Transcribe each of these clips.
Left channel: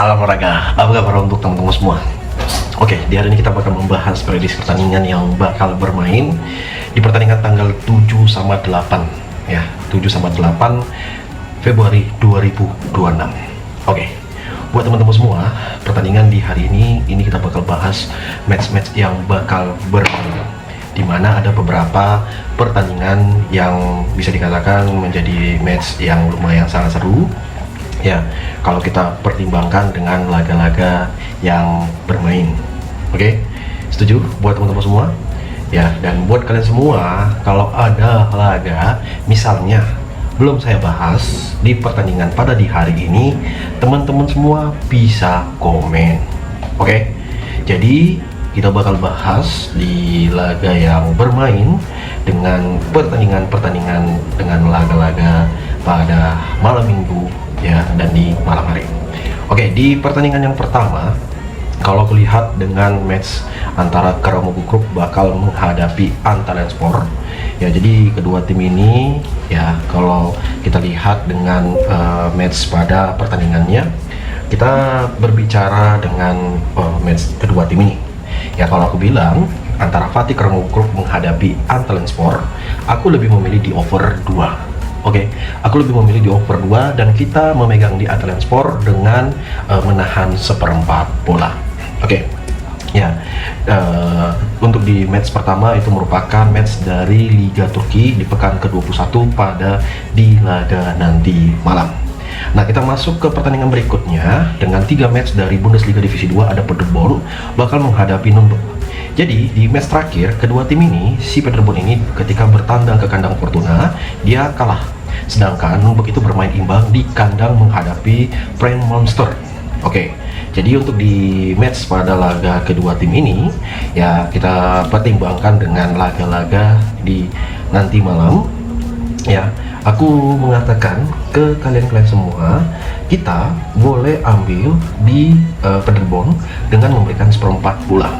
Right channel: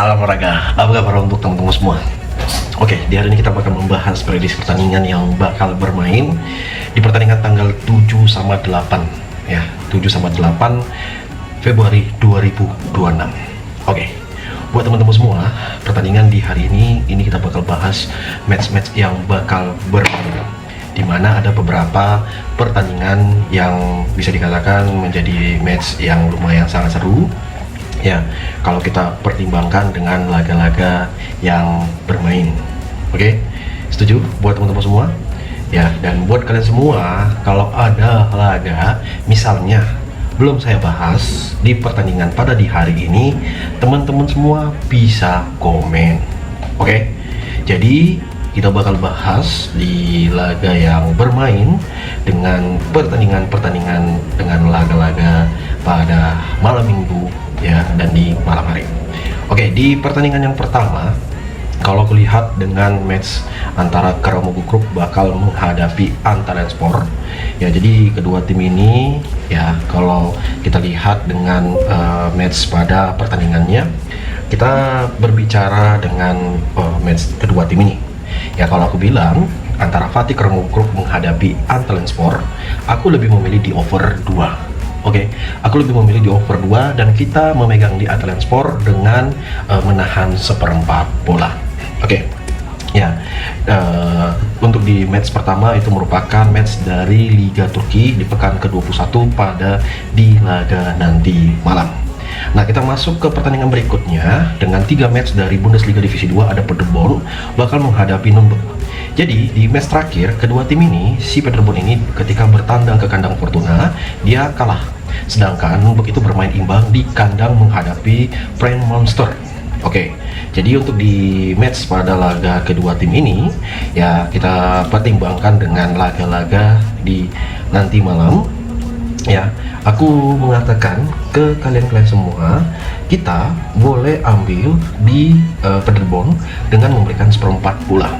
Salam olahraga, apa kabar untuk teman-teman semua? Oke, di hari ini kita bakal membahas prediksi pertandingan yang bakal bermain di pertandingan tanggal 7 sama 8 ya, 7 sama 8 Februari 2026. Oke, buat teman-teman semua, pertandingan di hari ini kita bakal bahas match-match yang bakal bermain, di mana ada beberapa pertandingan yang bisa dikatakan menjadi match yang lumayan sangat seru ya, kalau kita pertimbangkan dengan laga-laga yang bermain. Oke, setuju buat teman-teman semua ya? Dan buat kalian semua, kalau ada laga misalnya belum saya bahas di pertandingan pada di hari ini, teman-teman semua bisa komen. Oke, jadi kita bakal bahas di laga yang bermain dengan pertandingan-pertandingan dengan laga-laga pada malam minggu ya, dan di malam hari. Oke, di pertandingan yang pertama, kalau melihat dengan match antara Keremukruk bakal menghadapi Antalyaspor ya, jadi kedua tim ini ya, kalau kita lihat dengan match pada pertandingannya, kita berbicara dengan match kedua tim ini ya. Kalau aku bilang antara Fatih Keremukruk menghadapi Antalyaspor, aku lebih memilih di over 2. Oke, aku lebih memilih di over 2 dan kita memegang di Antalyaspor dengan menahan seperempat bola. Oke, ya, untuk di match pertama itu merupakan match dari Liga Turki di pekan ke-21 pada di laga nanti malam. Nah, kita masuk ke pertandingan berikutnya dengan 3 match dari Bundesliga Divisi 2. Ada Paderborn bakal menghadapi Nürnberg. Jadi di match terakhir kedua tim ini, si Paderborn ini ketika bertandang ke kandang Fortuna dia kalah, sedangkan Nürnberg itu bermain imbang di kandang menghadapi Brain Monster. Oke, jadi untuk di match pada laga kedua tim ini ya, kita pertimbangkan dengan laga-laga di nanti malam ya. Aku mengatakan ke kalian semua, kita boleh ambil di Paderborn dengan memberikan seperempat bola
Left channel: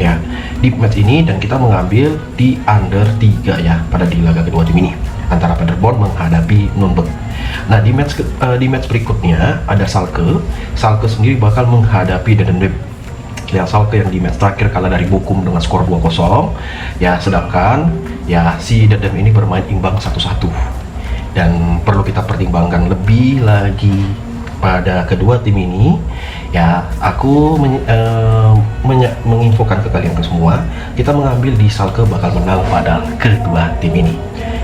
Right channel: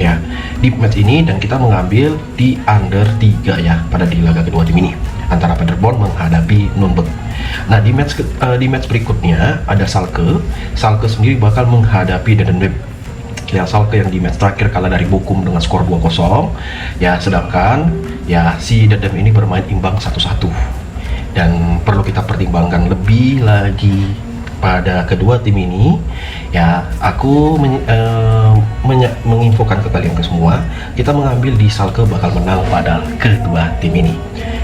ya di match ini, dan kita mengambil di under 3 ya pada di laga kedua tim ini antara Paderborn menghadapi Nürnberg. Nah, di match berikutnya ada Schalke sendiri bakal menghadapi Dedem ya. Schalke yang di match terakhir kalah dari Bochum dengan skor 2-0 ya, sedangkan ya si Dedem ini bermain imbang 1-1. Dan perlu kita pertimbangkan lebih lagi pada kedua tim ini ya. Aku menginfokan kita itu semua, kita mengambil di Schalke bakal menang pada kedua tim ini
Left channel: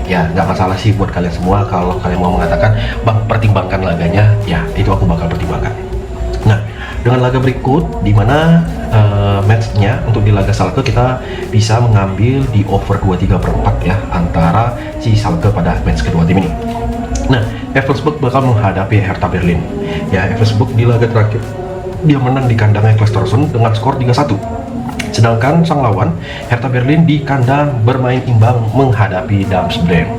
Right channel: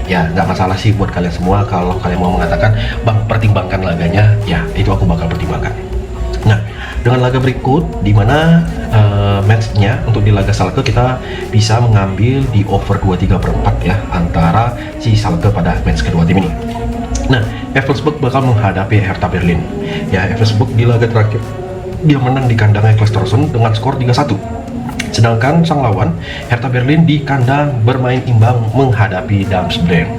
ya. Nggak masalah sih buat kalian semua, kalau kalian mau mengatakan pertimbangkan laganya ya, itu aku bakal pertimbangkan. Nah, dengan laga berikut di mana matchnya untuk di laga Schalke kita bisa mengambil di over 2,3/4 ya antara si Schalke pada match kedua tim ini. Nah, Wolfsburg bakal menghadapi Hertha Berlin ya. Wolfsburg di laga terakhir dia menang di kandangnya Klosterson dengan skor 3-1. Sedangkan sang lawan Hertha Berlin di kandang bermain imbang menghadapi Darmstadt.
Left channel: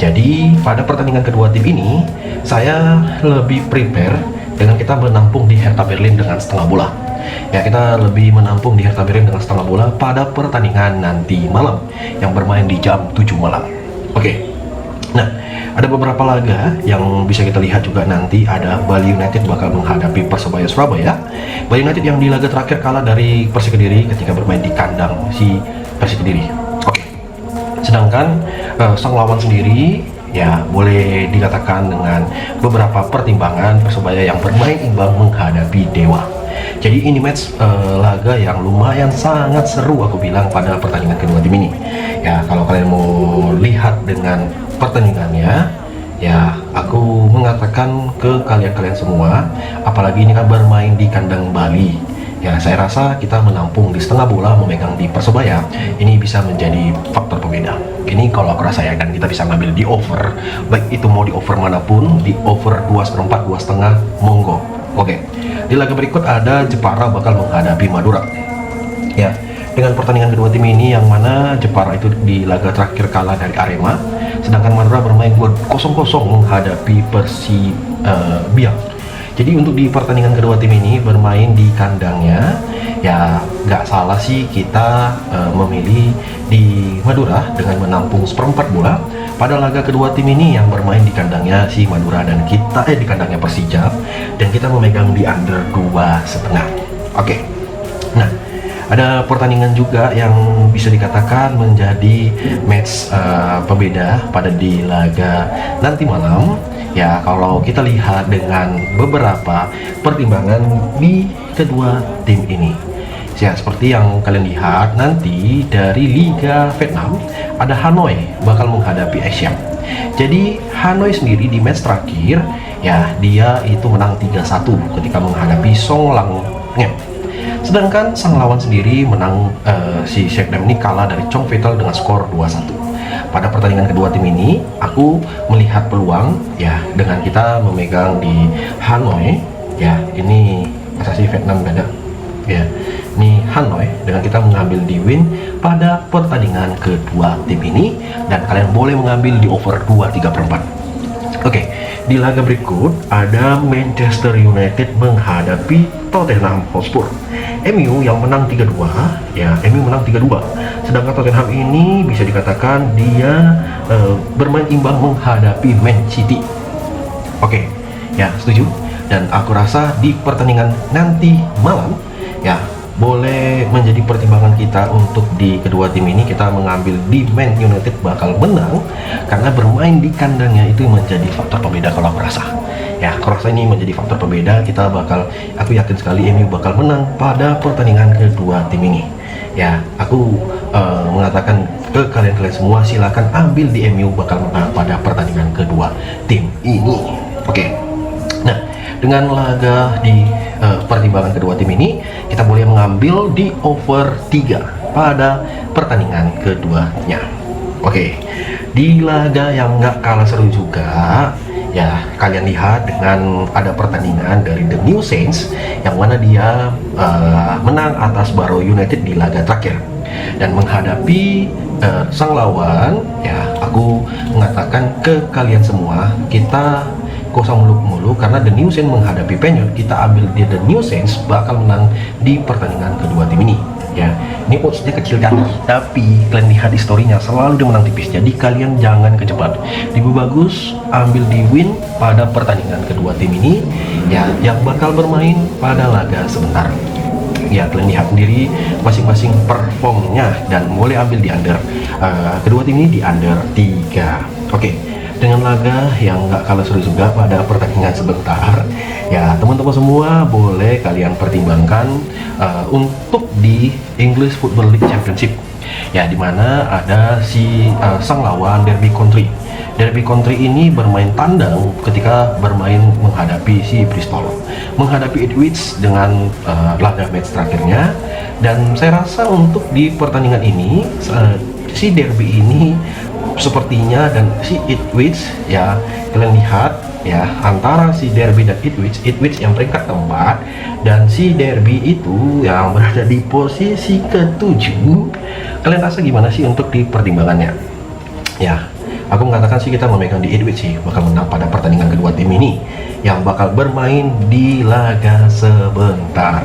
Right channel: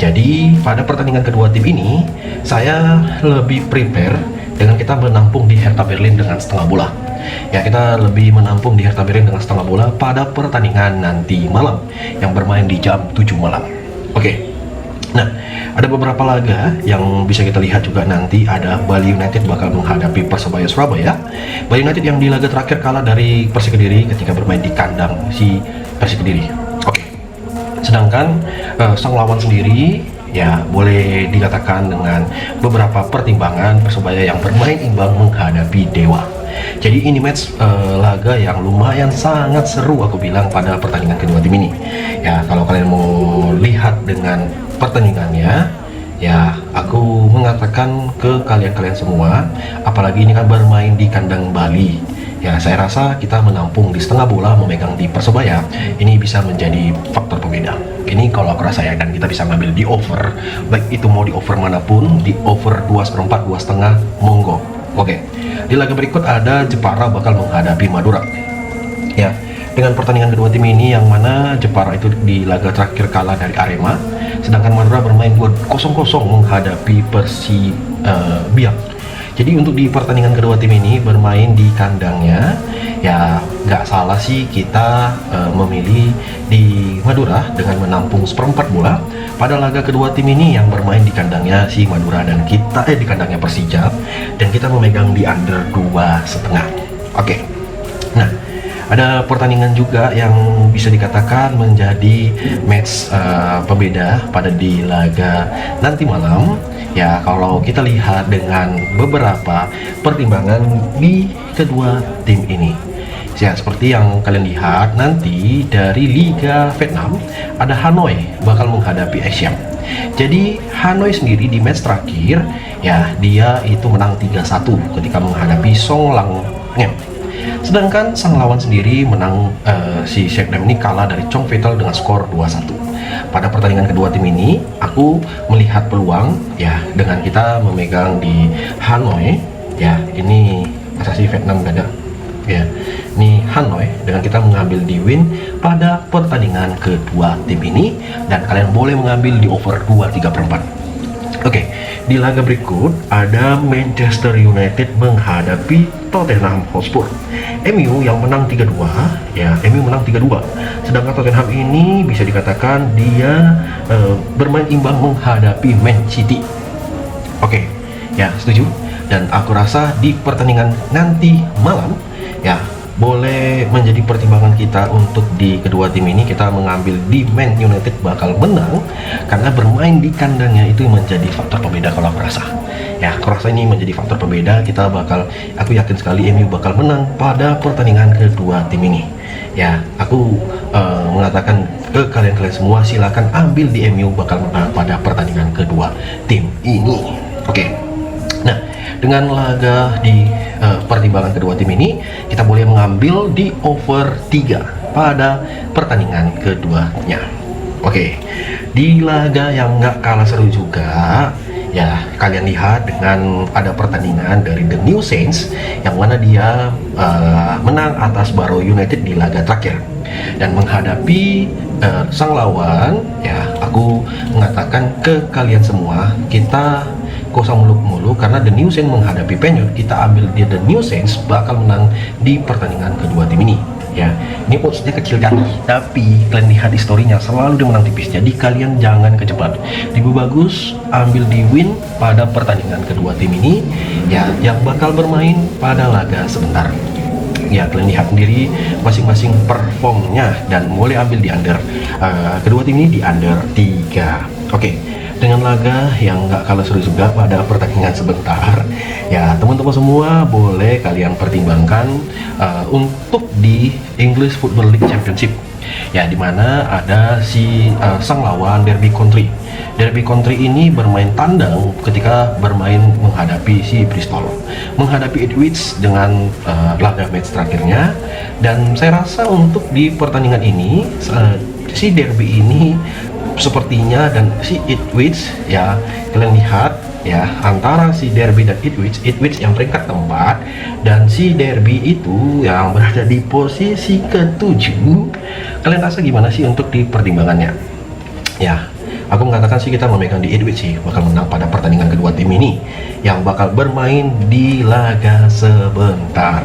Jadi pada pertandingan kedua tim ini saya lebih prepare dengan kita menampung di Hertha Berlin dengan setengah bola ya. Kita lebih menampung di Hertha Berlin dengan setengah bola pada pertandingan nanti malam yang bermain di jam 7 malam. Oke, nah ada beberapa laga yang bisa kita lihat juga nanti. Ada Bali United bakal menghadapi Persebaya Surabaya. Bali United yang di laga terakhir kalah dari Persik Kediri ketika bermain di kandang si Persik Kediri. Oke, sedangkan sang lawan sendiri ya boleh dikatakan dengan beberapa pertimbangan Persebaya yang bermain imbang menghadapi Dewa. Jadi ini match laga yang lumayan sangat seru aku bilang pada pertandingan kedua tim ini ya. Kalau kalian mau lihat dengan pertandingannya ya, aku mengatakan ke kalian semua, apalagi ini kan bermain di kandang Bali ya, saya rasa kita menampung di setengah bola memegang di Persebaya ini bisa menjadi faktor pembeda. Ini kalau aku rasakan, dan kita bisa ngambil di over, baik itu mau di over manapun, di over 2,4, 2,5 monggo. Oke, di laga berikut ada Jepara bakal menghadapi Madura ya. Dengan pertandingan kedua tim ini yang mana Jepara itu di laga terakhir kalah dari Arema, sedangkan Madura bermain 0-0 menghadapi Biak. Jadi untuk di pertandingan kedua tim ini bermain di kandangnya ya, nggak salah sih kita memilih di Madura dengan menampung seperempat bola pada laga kedua tim ini yang bermain di kandangnya si Madura dan kita di kandangnya Persija, dan kita memegang di under 2,5. Oke. Nah, ada pertandingan juga yang bisa dikatakan menjadi match pembeda pada di laga nanti malam. Ya, kalau kita lihat dengan beberapa pertimbangan di kedua tim ini. Ya, seperti yang kalian lihat nanti dari Liga Vietnam pada Hanoi bakal menghadapi Asia. Jadi Hanoi sendiri di match terakhir ya dia itu menang 3-1 ketika menghadapi Song Lang Ngem. Sedangkan sang lawan sendiri menang si Septem ini kalah dari Chong Vital dengan skor 2-1. Pada pertandingan kedua tim ini, aku melihat peluang ya dengan kita memegang di Hanoi ya, ini asasi Vietnam dan ya, ini Hanoi dan kita mengambil di win pada pertandingan kedua tim ini, dan kalian boleh mengambil di over 2,3/4. Oke, di laga berikut ada Manchester United menghadapi Tottenham Hotspur. MU yang menang 3-2 ya, MU menang 3-2. Sedangkan Tottenham ini bisa dikatakan dia bermain imbang menghadapi Man City. Oke, ya setuju. Dan aku rasa di pertandingan nanti malam ya boleh menjadi pertimbangan kita untuk di kedua tim ini kita mengambil di Man United bakal menang, karena bermain di kandangnya itu menjadi faktor pembeda kalau aku rasa. Ya, aku rasa ini menjadi faktor pembeda, kita bakal, aku yakin sekali MU bakal menang pada pertandingan kedua tim ini. Ya, aku mengatakan ke kalian semua, silakan ambil di MU bakal menang pada pertandingan kedua tim ini. Oke. Nah, dengan laga di pertimbangan kedua tim ini, kita boleh mengambil di over 3 pada pertandingan keduanya. Oke, di laga yang nggak kalah seru juga, ya kalian lihat dengan ada pertandingan dari The New Saints yang mana dia menang atas Barrow United di laga terakhir dan menghadapi sang lawan. Ya, aku mengatakan ke kalian semua, kita gak usah muluk-muluk, karena The New Saints menghadapi Penyon, kita ambil di The New Saints bakal menang di pertandingan kedua tim ini. Ya, ini posisinya kecil kan, tapi kalian lihat historinya selalu dia menang tipis, jadi kalian jangan kejebak. Lebih bagus ambil di win pada pertandingan kedua tim ini ya, yang bakal bermain pada laga sebentar. Ya, kalian lihat sendiri masing-masing performnya dan mulai ambil di under kedua tim ini di under 3. Oke. Dengan laga yang gak kalah seru juga pada pertandingan sebentar ya, teman-teman semua boleh kalian pertimbangkan untuk di English Football League Championship ya, dimana ada si sang lawan Derby County. Derby County ini bermain tandang ketika bermain menghadapi si Bristol, menghadapi Ipswich dengan laga match terakhirnya. Dan saya rasa untuk di pertandingan ini si Derby ini sepertinya dan si Ipswich ya, kalian lihat ya, antara si Derby dan Ipswich yang peringkat keempat dan si Derby itu yang berada di posisi ke-7. Kalian rasa gimana sih untuk di pertimbangannya? Ya, aku mengatakan sih kita memegang di Ipswich sih bakal menang pada pertandingan kedua tim ini yang bakal bermain di laga sebentar.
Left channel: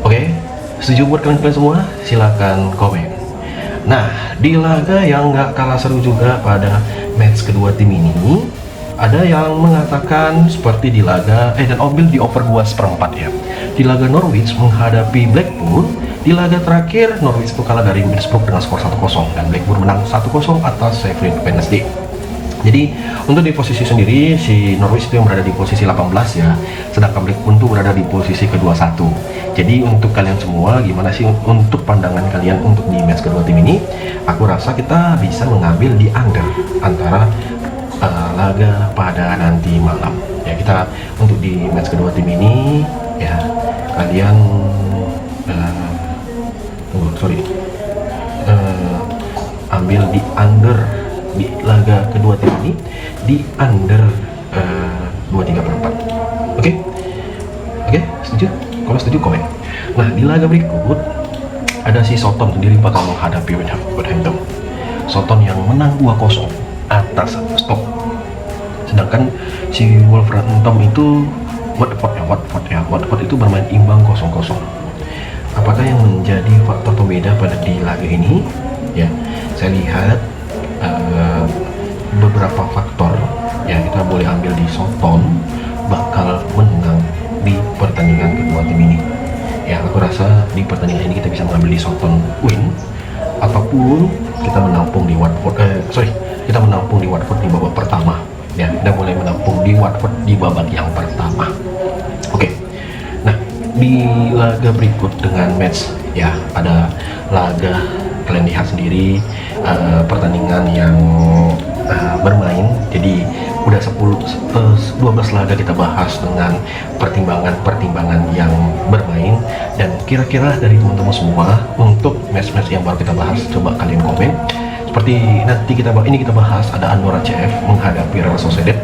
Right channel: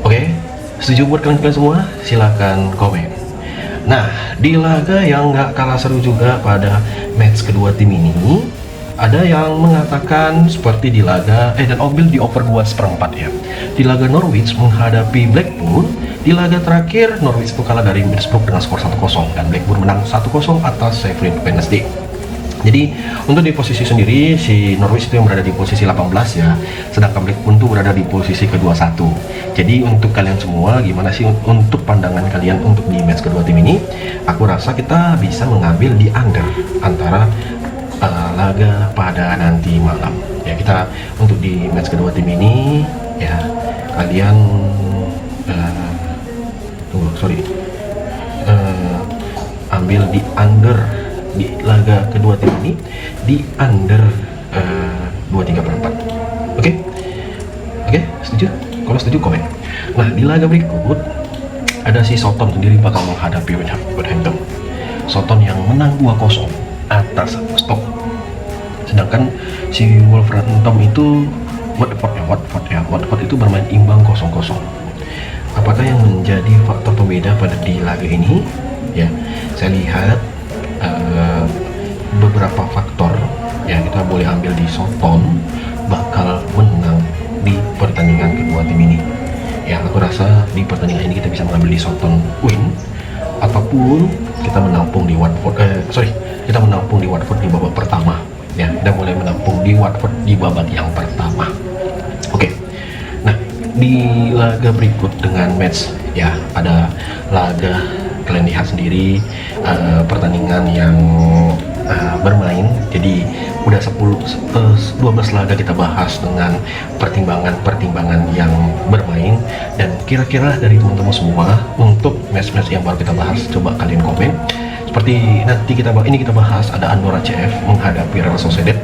Oke, setuju buat kalian semua? Silakan komen. Nah, di laga yang nggak kalah seru juga pada match kedua tim ini, ada yang mengatakan seperti di laga dan ambil di over 2,4 ya. Di laga Norwich menghadapi Blackpool, di laga terakhir Norwich kalah dari Middlesbrough dengan skor 1-0 dan Blackpool menang 1-0 atas Sheffield Wednesday. Jadi untuk di posisi sendiri si Norwich itu yang berada di posisi 18 ya, sedangkan Blackpool itu berada di posisi ke-21. Jadi untuk kalian semua gimana sih untuk pandangan kalian untuk di match kedua tim ini? Aku rasa kita bisa mengambil di under antara laga pada nanti malam. Ya, kita untuk di match kedua tim ini ya kalian ambil di under di laga kedua tim ini di under 2,34. Oke, setuju? Kalau setuju komen. Nah, di laga berikut ada si Soton sendiri bakal menghadapi Wolverhampton. Soton yang menang 2-0 atas Stoke. Sedangkan si Wolverhampton itu Watford itu bermain imbang 0-0. Apakah yang menjadi faktor pembeda pada di laga ini? Ya, saya lihat beberapa faktor yang kita boleh ambil di Soton bakal menang di pertandingan kedua tim ini. Ya, aku rasa di pertandingan ini kita bisa mengambil di Soton win, ataupun kita menampung di Watford. Kita menampung di Watford di babak pertama. Ya, kita boleh menampung di Watford di babak yang pertama. Oke. Nah, di laga berikut dengan match ya, pada laga kalian lihat sendiri pertandingan yang bermain, jadi udah 12 laga kita bahas dengan pertimbangan yang bermain. Dan kira-kira dari teman-teman semua untuk match-match yang baru kita bahas, coba kalian komen. Seperti nanti kita bahas ada Andorra CF menghadapi Real Sociedad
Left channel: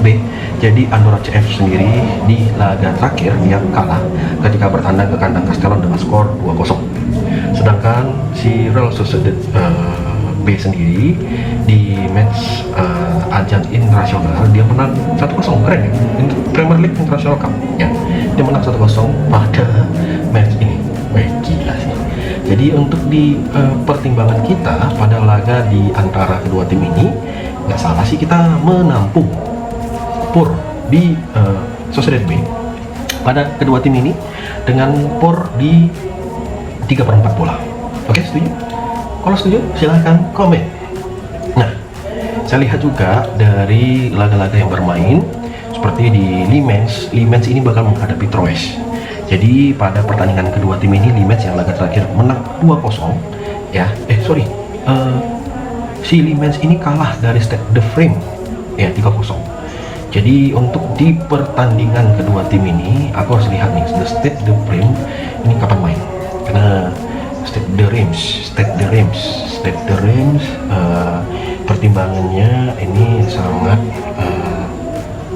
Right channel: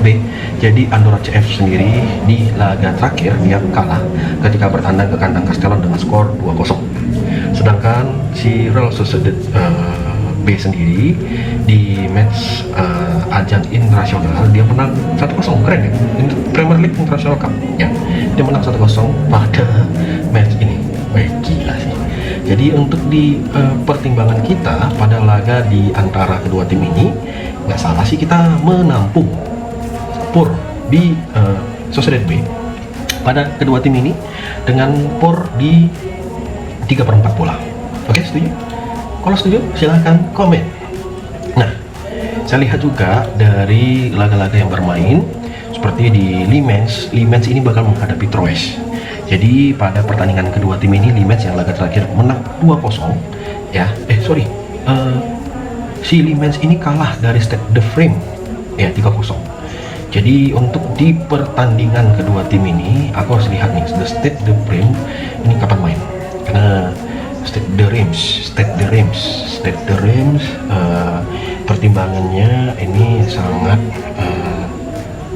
B. Jadi Andorra CF sendiri di laga terakhir yang kalah ketika bertandang ke kandang Castellon dengan skor 2-0. Sedangkan si Real Sociedad B sendiri di match ajang internasional dia menang 1-0. Keren ya? Premier League International Cup ya. Dia menang 1-0 pada match ini. Gila sih. Jadi untuk di pertimbangan kita pada laga di antara kedua tim ini, nggak salah sih kita menampung POR di Sociedad B pada kedua tim ini dengan POR di 3/4 bola. Oke, setuju? Kalau setuju silahkan komen. Nah, saya lihat juga dari laga-laga yang bermain seperti di Le Mans ini bakal menghadapi Troyes. Jadi pada pertandingan kedua tim ini, Le Mans yang laga terakhir menang 2-0 ya. Si Le Mans ini kalah dari Stade de France ya 3-0. Jadi untuk di pertandingan kedua tim ini aku harus lihat nih, Stade de France ini kapan main. Nah, Stade de Reims pertimbangannya ini sangat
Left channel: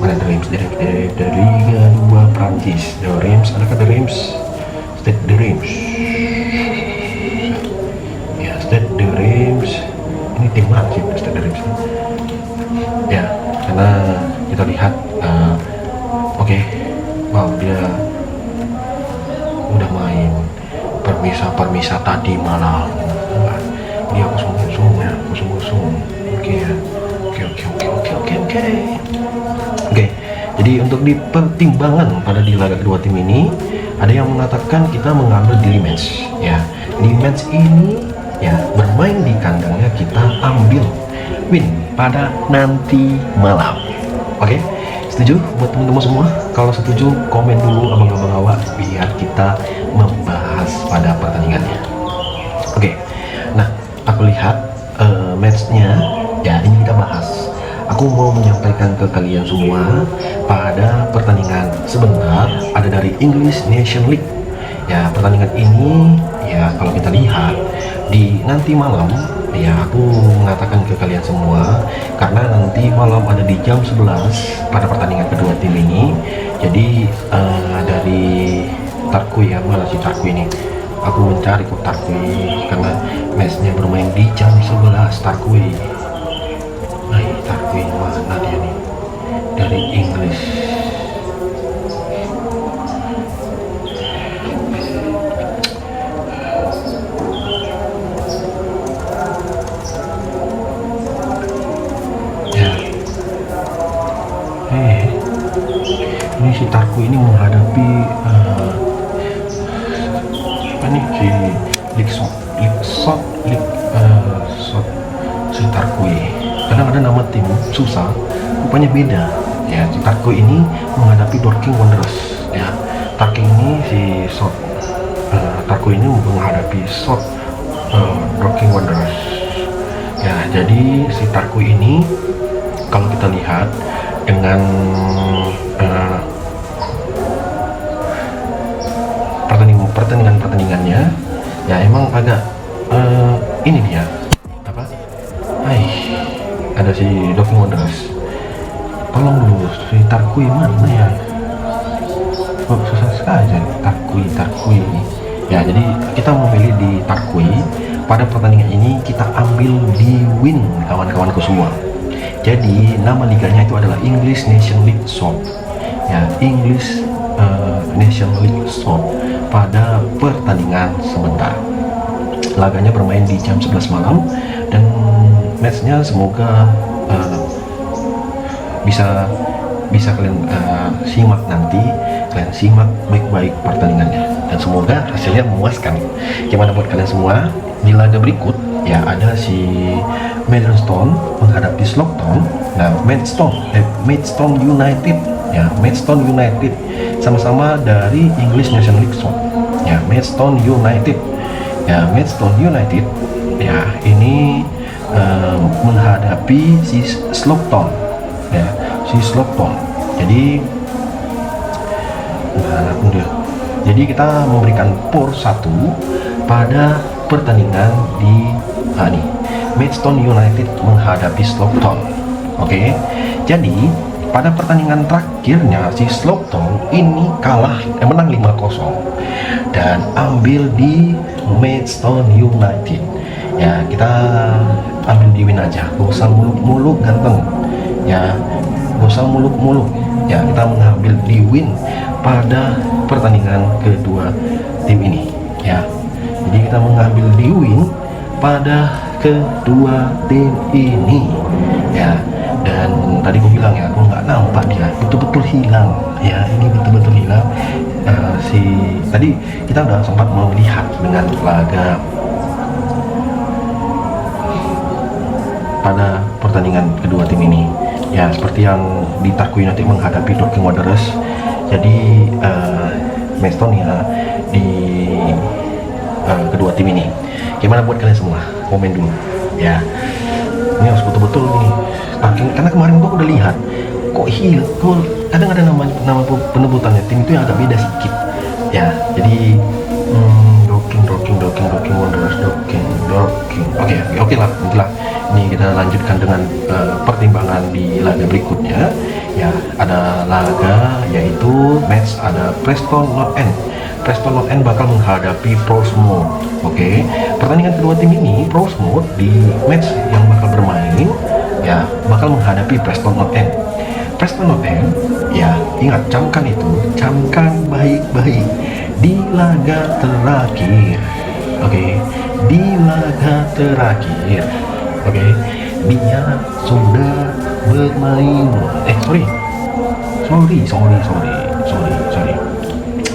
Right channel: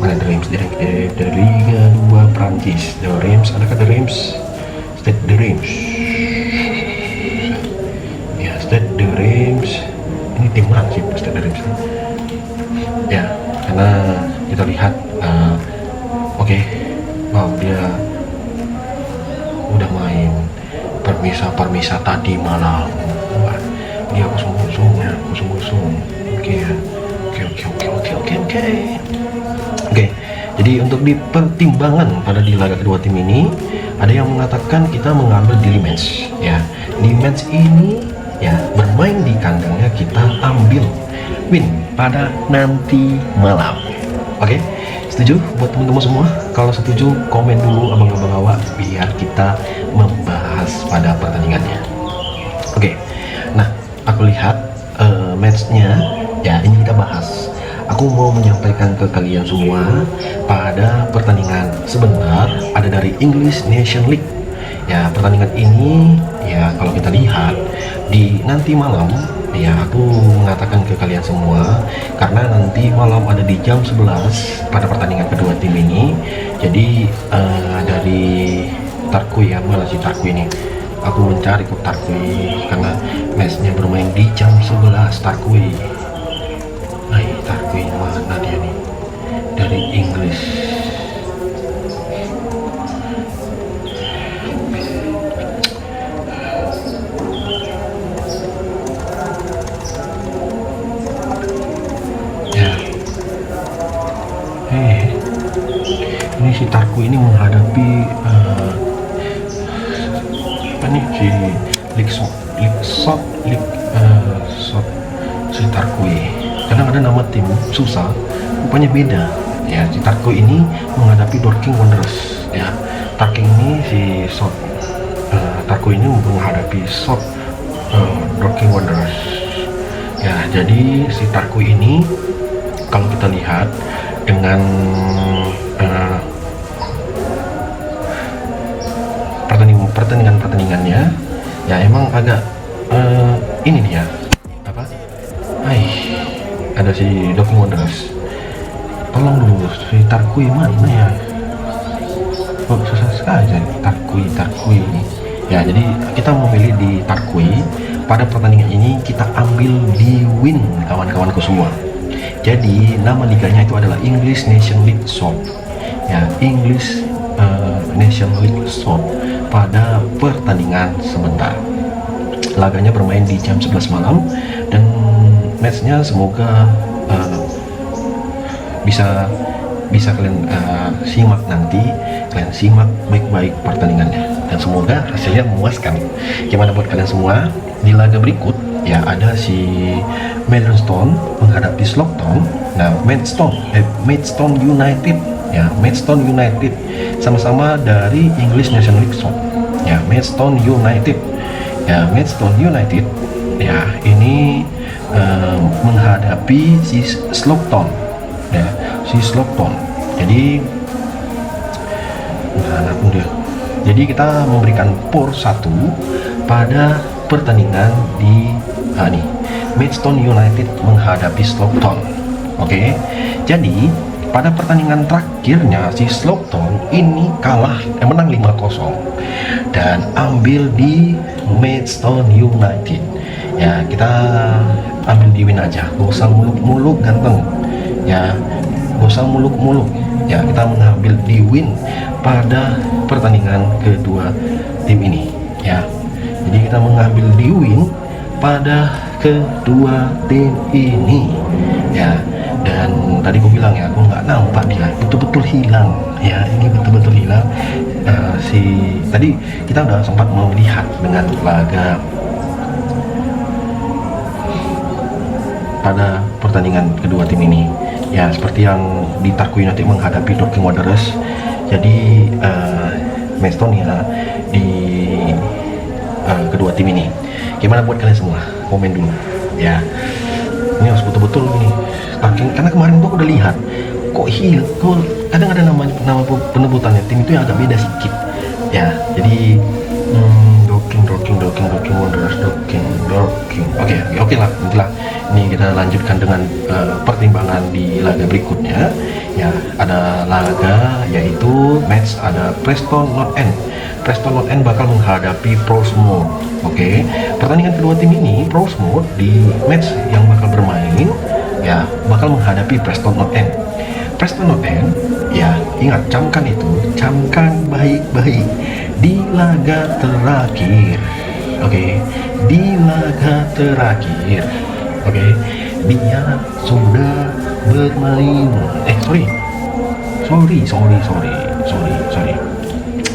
Reims dari Liga 2 Prancis. Stade de Reims ini tim Prancis, Stade de Reims ya, karena kita lihat dia udah main permisa tadi malam. Ini kosong. Oke. Jadi untuk di pertimbangan pada di laga kedua tim ini, ada yang mengatakan kita mengambil di Le Mans ya. Di Le Mans ini ya bermain di kandangnya, kita ambil win pada nanti malam. Oke, setuju buat teman-teman semua? Kalau setuju komen dulu ke bawah biar kita membahas pada pertandingannya. Oke. Nah, aku lihat matchnya ya, ini kita bahas. Aku mau menyampaikan ke kalian semua pada pertandingan sebentar ada dari English Nation League ya. Pertandingan ini ya kalau kita lihat di nanti malam ya, aku mau mengatakan ke kalian semua karena nanti malam ada di jam 11 pada pertandingan kedua tim ini. Jadi dari Tarkui ya, mana si Tarkui ini, aku mencari kok Tarkui karena matchnya bermain di jam 11. Tarkui mana dia nih, dari Inggris. Ini si Tarkui ini menghadapi si Tarkui. Kadang-kadang nama tim susah, rupanya beda ya. Si Tarkui ini menghadapi Dorking Wanderers ya. Tarkui ini Tarkui ini menghadapi Dorking Wanderers ya. Jadi si Tarkui ini kalau kita lihat dengan pertandingannya ya, emang agak ini dia apa? Ada si Dorking Wanderers. Tolong dulu, si Tarkui mana? Susah sekali Tarkui. Ya, jadi kita memilih di Tarkui. Pada pertandingan ini kita ambil di win, kawan-kawanku semua. Jadi nama liganya itu adalah English Nation League South. Ya, English Nation League South pada pertandingan sebentar. Laganya bermain di jam 11 malam dan matchnya semoga bisa kalian simak nanti, kalian simak baik-baik pertandingannya, dan semoga hasilnya memuaskan. Gimana buat kalian semua? Di laga berikut ya ada si Maidstone menghadapi Slough. Nah, Maidstone United ya, Maidstone United sama-sama dari English National League ya, Maidstone United ya, ini menghadapi si Slough ya, si Slough. Jadi kita memberikan POR 1 pada pertandingan di Maidstone United menghadapi Slough. Oke. Jadi pada pertandingan terakhirnya si Slough ini menang 5-0 dan ambil di Maidstone United. Ya, kita ambil di win aja, gak usah muluk-muluk ganteng ya, gak usah muluk-muluk ya, kita mengambil di win pada pertandingan kedua tim ini ya. Jadi kita mengambil di win pada kedua tim ini ya. Dengan tadi gue bilang ya, aku nggak nampak dia, betul-betul hilang ya, ini betul-betul hilang. Tadi kita udah sempat melihat dengan laga pada pertandingan kedua tim ini ya, seperti yang di Tarkwa United menghadapi Dorking Wanderers. Jadi Maidstone ya di kedua tim ini. Gimana buat kalian semua? Komen dulu ya. Ini harus betul-betul nih, karena kemarin tuh aku udah lihat kok kadang ada nama penebutannya tim itu yang agak beda sedikit ya. Jadi Dorking Wanderers. Oke lah. Ini kita lanjutkan dengan pertimbangan di laga berikutnya ya. Ada laga yaitu match, ada Preston North End bakal menghadapi Portsmouth. Oke. Pertandingan kedua tim ini, Portsmouth di match yang bakal bermain ya, bakal menghadapi Preston North End ya. Ingat, camkan baik-baik di laga terakhir. Di laga terakhir dia sudah bermain sorry.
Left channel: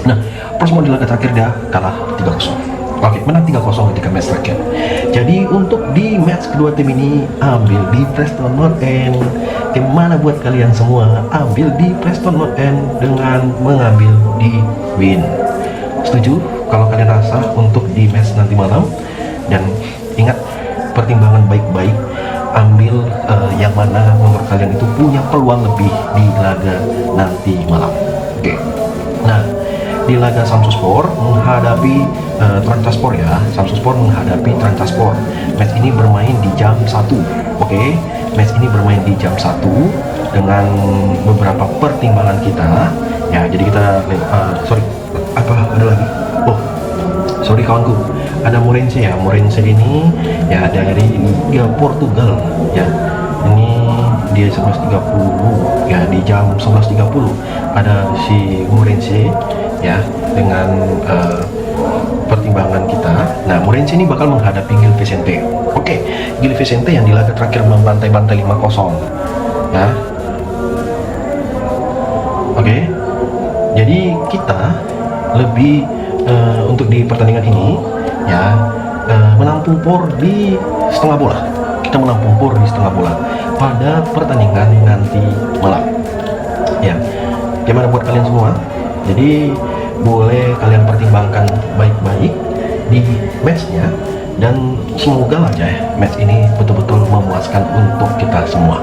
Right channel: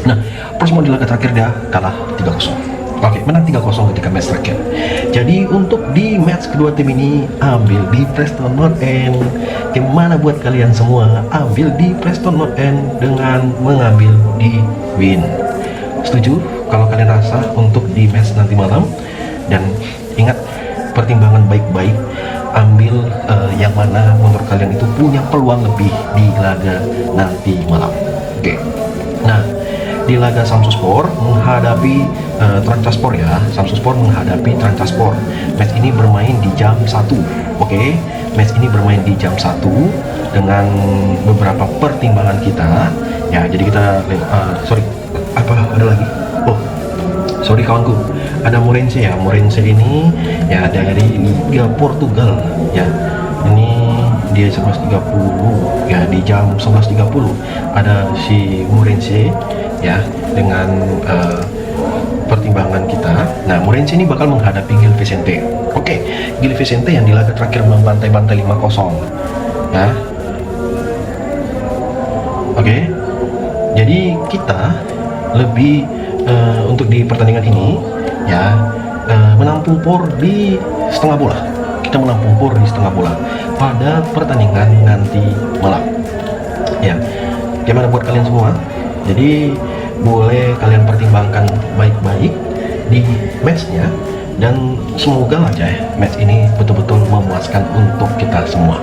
Nah, Portsmouth di laga terakhir dia kalah 3-0. Menang 3-0 ketika match terakhir. Jadi untuk di match kedua tim ini, ambil di Preston North End. Gimana buat kalian semua? Ambil di Preston North End dengan mengambil di win. Setuju? Kalau kalian rasa untuk di match nanti malam, dan ingat, pertimbangan baik-baik, ambil yang mana menurut kalian itu punya peluang lebih di laga nanti malam. Oke. Nah, di laga Samsunspor menghadapi Trabzonspor ya. Samsunspor menghadapi Trabzonspor. Match ini bermain di jam 1. Match ini bermain di jam 1 dengan beberapa pertimbangan kita ya. Jadi kita ada lagi. Sorry kawanku, ada Morense ini ya dari Portugal ya. Ini dia 11.30 ya, di jam 11.30 ada si Morense ya, dengan pertimbangan kita. Nah, Morense ini bakal menghadapi Gil Vicente. Gil Vicente yang di laga terakhir membantai-bantai 5-0. Nah, jadi kita lebih untuk di pertandingan ini ya, menampung POR di setengah bola. Kita menampung POR di setengah bola pada pertandingan nanti malam ya. Gimana buat kalian semua? Jadi boleh kalian pertimbangkan baik-baik di matchnya, dan semoga aja ya match ini betul-betul memuaskan untuk kita semua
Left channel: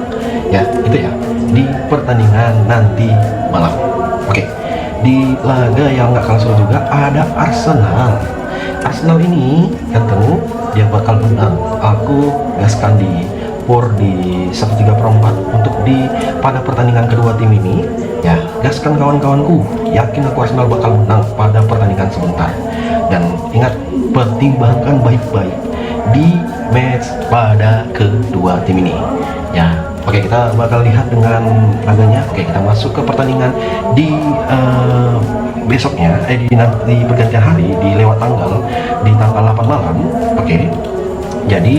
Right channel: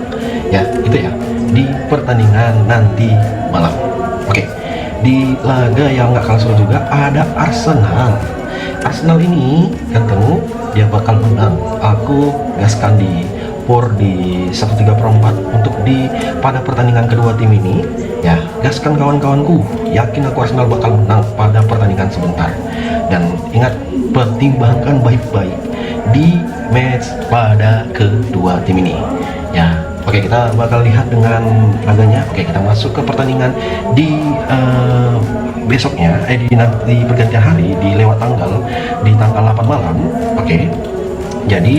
ya. Itu ya, di pertandingan nanti malam. Di laga yang gak kalah seru juga ada Arsenal ini ketemu yang bakal aku gaskan di POR di 1/3 untuk pada pertandingan kedua tim ini ya. Gaskan kawan-kawanku, yakin aku Arsenal bakal menang pada pertandingan sebentar. Dan ingat, pertimbangkan baik-baik di match pada kedua tim ini ya. Kita bakal lihat dengan laganya. Kita masuk ke pertandingan di besoknya, di pergantian hari, di lewat tanggal, di tanggal 8 Maret. Jadi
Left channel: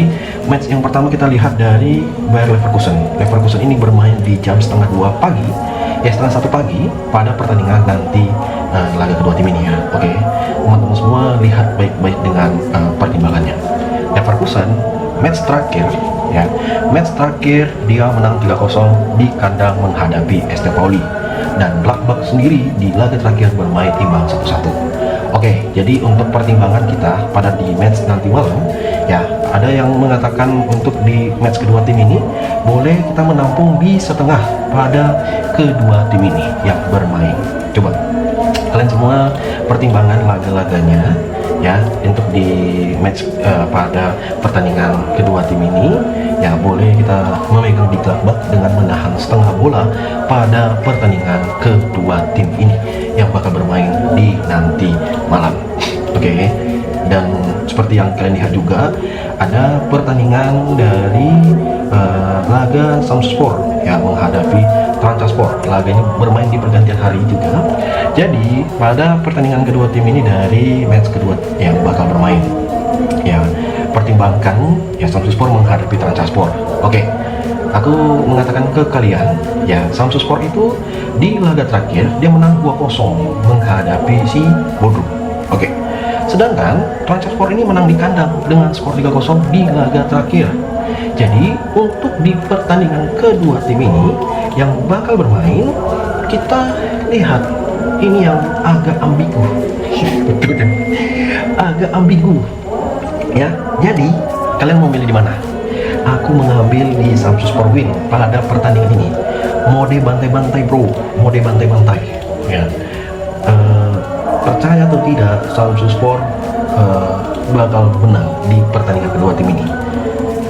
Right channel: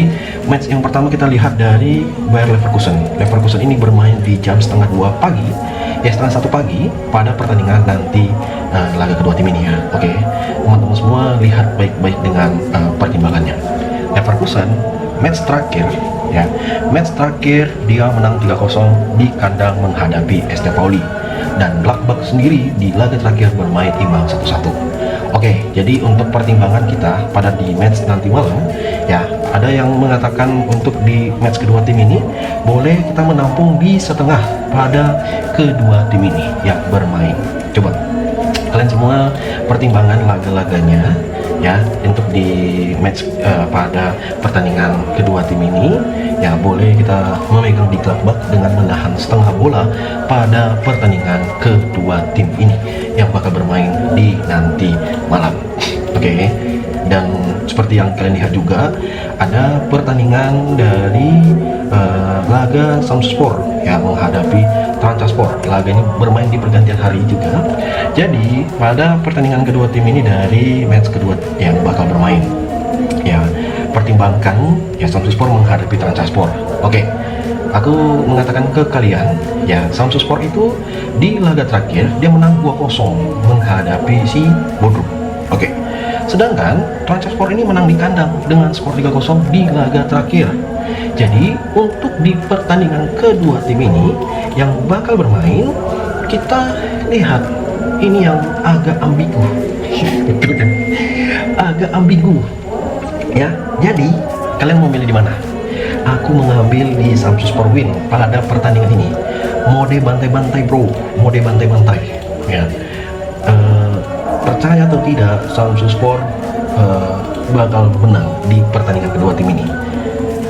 match yang pertama kita lihat dari Bayer Leverkusen. Leverkusen ini bermain di jam setengah 2 pagi, setengah 1 pagi pada pertandingan nanti laga kedua tim ini ya. Oke, teman-teman semua lihat baik-baik dengan pertimbangannya. Leverkusen match terakhir ya, match terakhir dia menang 3-0 di kandang menghadapi ST Pauli, dan Gladbach sendiri di laga terakhir bermain imbang 1-1. Oke, jadi untuk pertimbangan kita pada di match nanti malam ya, ada yang mengatakan untuk di match kedua tim ini boleh kita menampung di setengah pada kedua tim ini yang bermain. Coba kalian semua pertimbangan laga-laganya ya untuk di match pada pertandingan kedua tim ini ya, boleh kita memegang di Gladbach dengan menahan setengah bola pada pertandingan kedua tim ini yang bakal bermain di nanti malam. Oke. Dan seperti yang kalian lihat juga ada pertandingan dari laga Samspor yang menghadapi Transaspor. Laga ini bermain di pergantian hari juga. Jadi pada pertandingan kedua tim ini dari match kedua yang bakal bermain ya, pertimbangkan ya Samspor menghadapi Transaspor. Oke, aku mengatakan ke kalian ya, Samspor itu di laga terakhir dia menang 2-0 menghadapi si Bodrum. Oke. Sedangkan Transaspor ini menang di kandang dengan skor 3-0 di laga terakhir. Jadi untuk di pertandingan kedua tim ini yang bakal bermain, kita lihat ini yang agak ambigu. Agak ambigu. Ya, jadi kalian mau milih di mana? Aku mengambil di Samspor win pada pertandingan ini. Mode bantai-bantai bro, mode bantai-bantai. Ya. Percaya atau tidak, Samspor bakal menang di pertandingan kedua tim ini.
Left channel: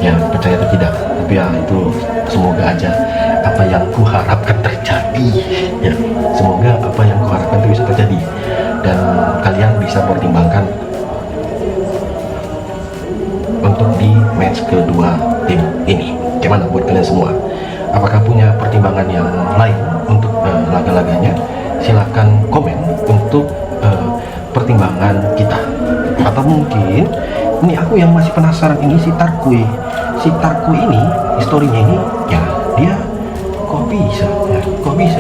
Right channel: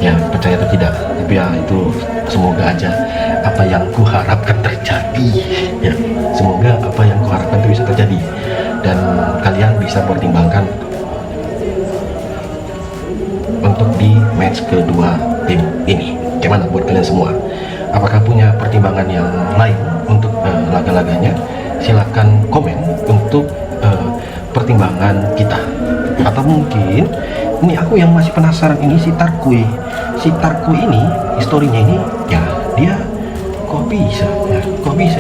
Ya, percaya atau tidak, ya itu semoga aja apa yang kuharapkan terjadi. Ya, semoga apa yang kuharapkan itu bisa terjadi. Dan kalian bisa pertimbangkan untuk di match kedua tim ini. Gimana buat kalian semua? Apakah punya pertimbangan yang lain untuk laga-laganya? Silakan komen untuk pertimbangan kita. Atau mungkin ini aku yang masih penasaran, ini si Tarkui ini historinya ini ya, dia kok bisa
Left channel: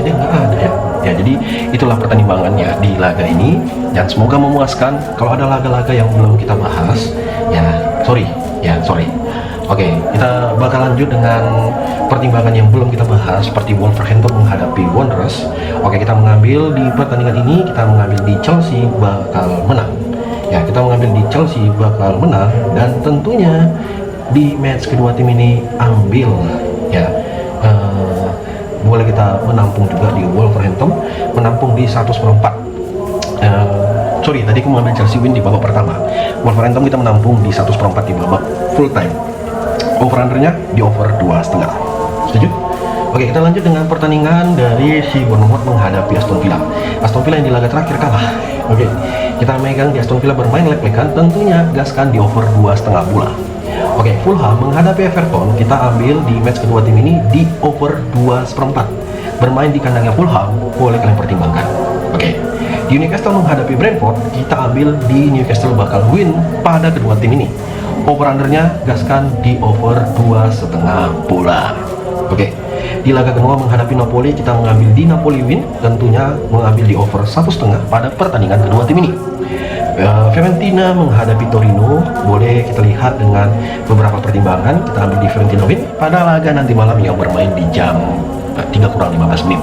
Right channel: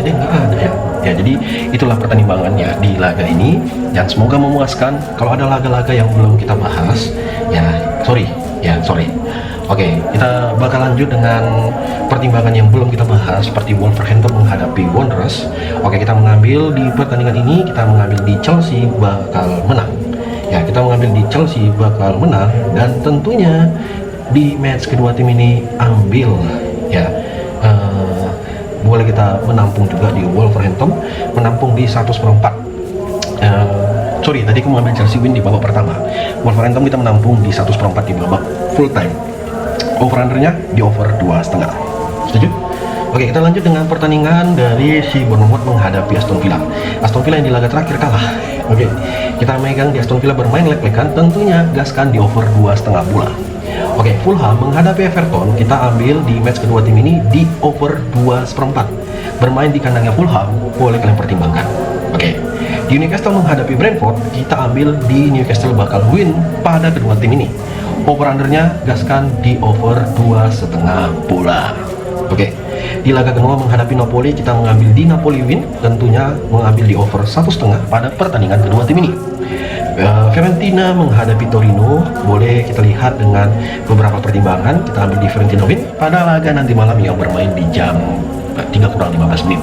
dia nggak ada ya. Ya, jadi itulah pertimbangannya di laga ini, dan semoga memuaskan. Kalau ada laga-laga yang belum kita bahas ya sorry. Oke, kita bakal lanjut dengan pertimbangan yang belum kita bahas, seperti Wolverhampton menghadapi Wanderers. Oke, kita mengambil di pertandingan ini, kita mengambil di Chelsea bakal menang. Ya, kita mengambil di Chelsea bakal menang, dan tentunya di match kedua tim ini ambil ya, boleh kita menampung juga di Wolverhampton, menampung di 1/4. Tadi aku mengambil Chelsea win di babak pertama. Wolverhampton kita menampung di 1/4 di babak full time. Over-undernya di over 2,5. Setuju? Oke, kita lanjut dengan pertandingan dari si Bournemouth menghadapi Aston Villa. Aston Villa yang di laga terakhir kalah. Oke, kita memegang di Aston Villa bermain leg-legan, tentunya gaskan di over 2,5 bola. Oke, Fulham menghadapi Everton, kita ambil di match kedua tim ini di over 2,4. Bermain di kandangnya Fulham, boleh kalian pertimbangkan. Oke, di Newcastle menghadapi Brentford, kita ambil di Newcastle bakal win pada kedua tim ini. Over-undernya gaskan di over 2,5 bola. Oke, di laga kedua menghadapi Napoli, kita mengambil di Napoli win, tentunya mengambil di over 1,5 pada pertandingan kedua tim ini. Fiorentina menghadapi Torino, boleh kita lihat dengan beberapa pertimbangan. Kita ambil di Fiorentina win pada laga nanti malam yang bermain di jam 3:15 menit.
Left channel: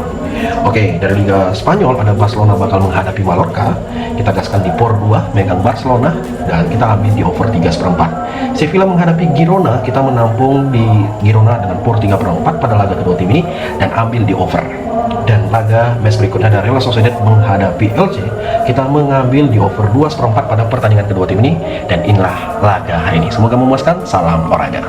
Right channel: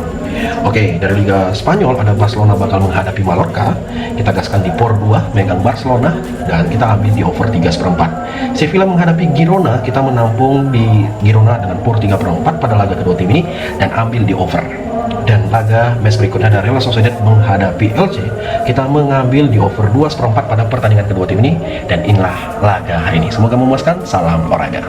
Oke, dari Liga Spanyol pada Barcelona bakal menghadapi Mallorca, kita gaskan di POR 2 dengan Barcelona, dan kita ambil di over 3,4. Sevilla menghadapi Girona, kita menampung di Girona dengan POR 3/4 pada laga kedua tim ini dan ambil di over. Dan laga match berikutnya ada Real Sociedad menghadapi Elche, kita mengambil di over 2,4 pada pertandingan kedua tim ini, dan inilah laga hari ini. Semoga memuaskan. Salam olahraga.